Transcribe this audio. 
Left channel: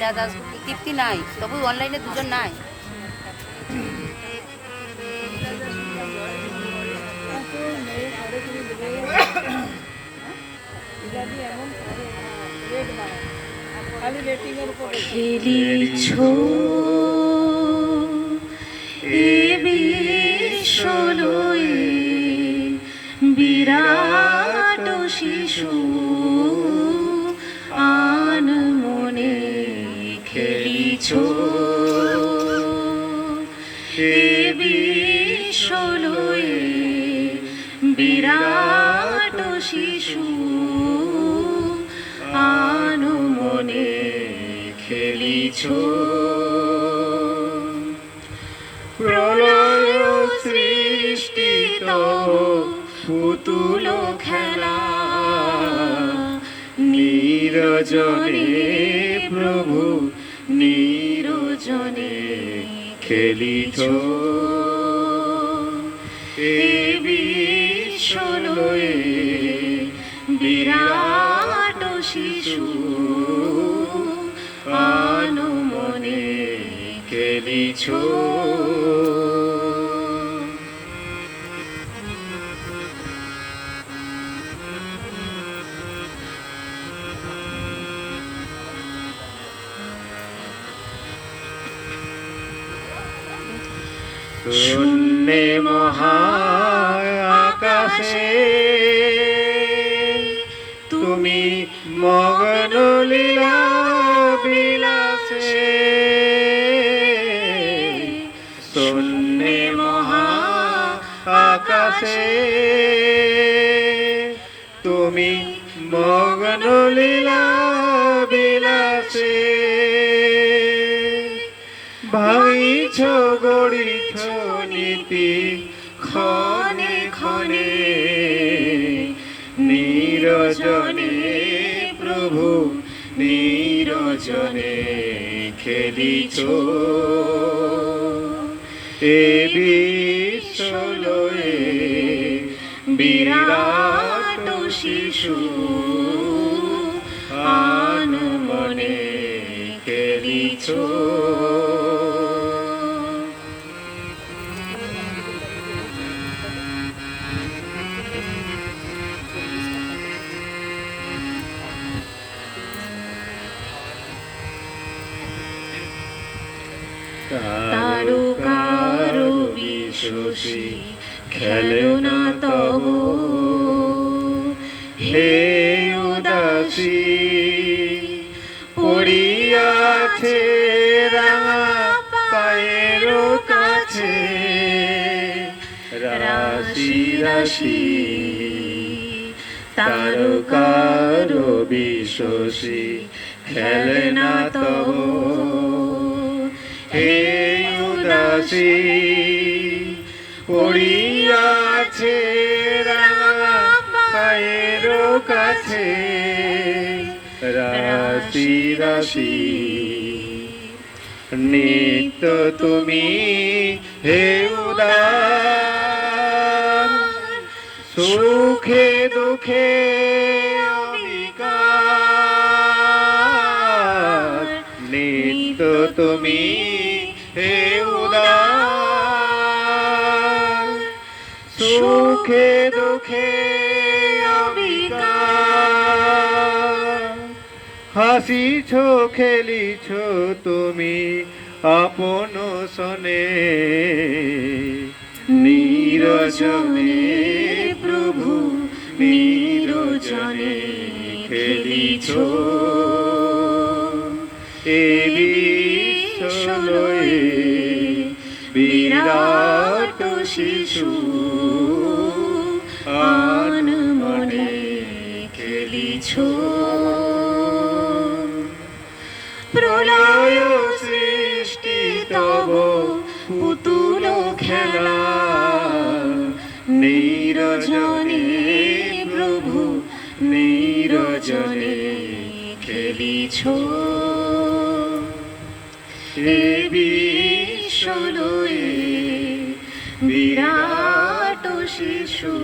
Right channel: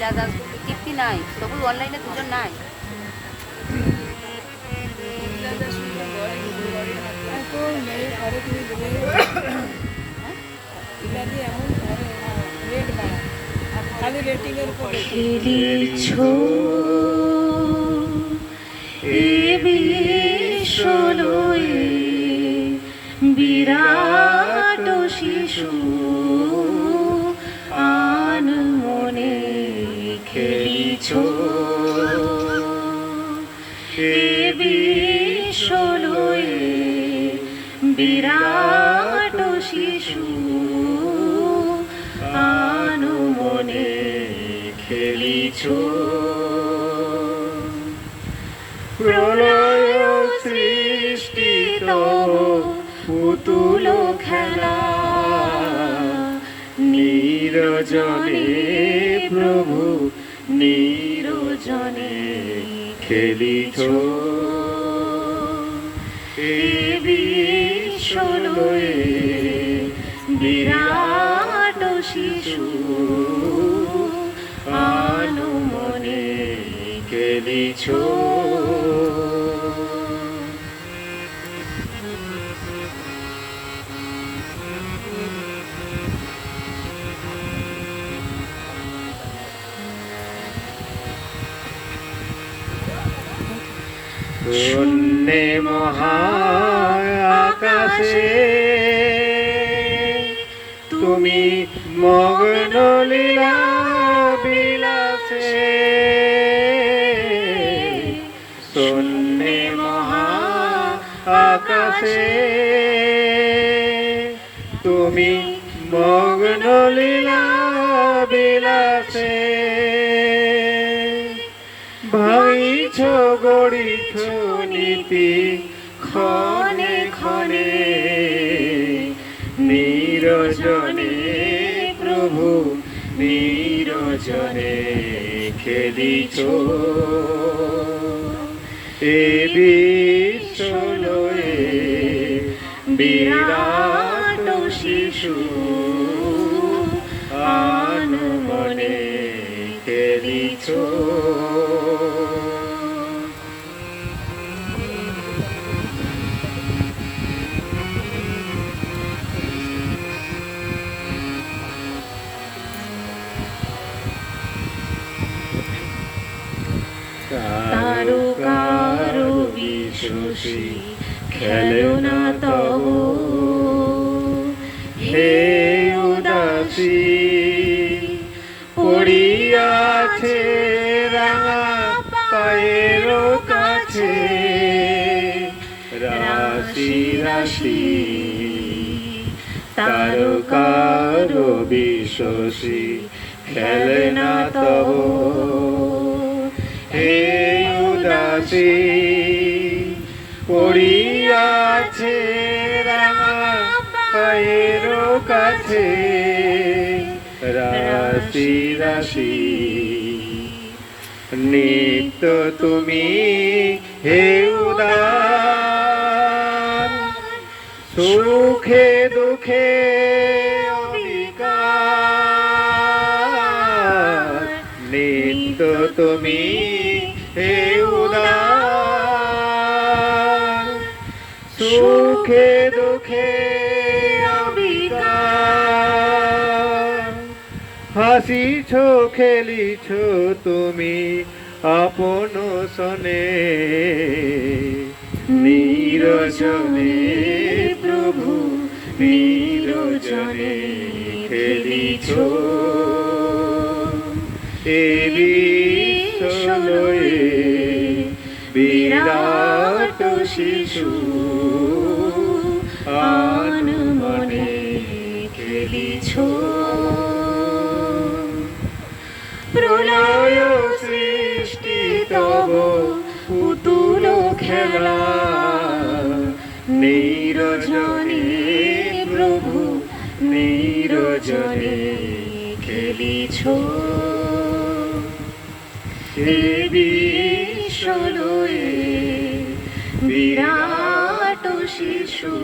লীলা দাস তৃপ্তি নাই তবু অনলাইনে দুজন নাই। খালি রেটিং এ বিশ্বলয়ে শিশু আনু খেলিছ। প্রলয় সৃষ্টি তব খেলা। নিরজনে প্রভু নিরজনে খেলিছ এ বিশ্বলয়ে বিরাট শিশু। মনে খেলিছ। শূন্যে মহা আকাশে তুমি মগ্ন লীলা বিলাসে। শূন্যে মহা আকাশে তুমি মগ্ন লীলা বিলাসে। ভাঙিছ গড়িছ নীতি ক্ষণে ক্ষণে নিরজনে প্রভু নিরজনে খেলিছ। এ বিশ্বলয়ে বিরাট শিশু কারও কারও বিশ্বসী খেলনা তব। হে উদাসী, পড়িয়াছে রাঙা পায়ের কাছে। রাশি রাশি তারো কারও বিশ্বসী খেলনা তব। উদাসী পড়িয়াছে রাঙা পায়ের কাছে। রাশি রাশি, নিত্য তুমি হে উদার। সুখে দুঃখে নিত্য তুমি হে হাসিছ খেলিছ তুমি আপন সনে। নিরজনে প্রভু নিরজনে খেলিছ। এ বিশ্বলয়ে বিরাট শিশু আন মনে খেলিছ। প্রলয় সৃষ্টি তব পুতুল খেলা। নিরজনে প্রভু নিরজনে খেলিছ। এ বিশ্বলয়ে বিরাট শিশু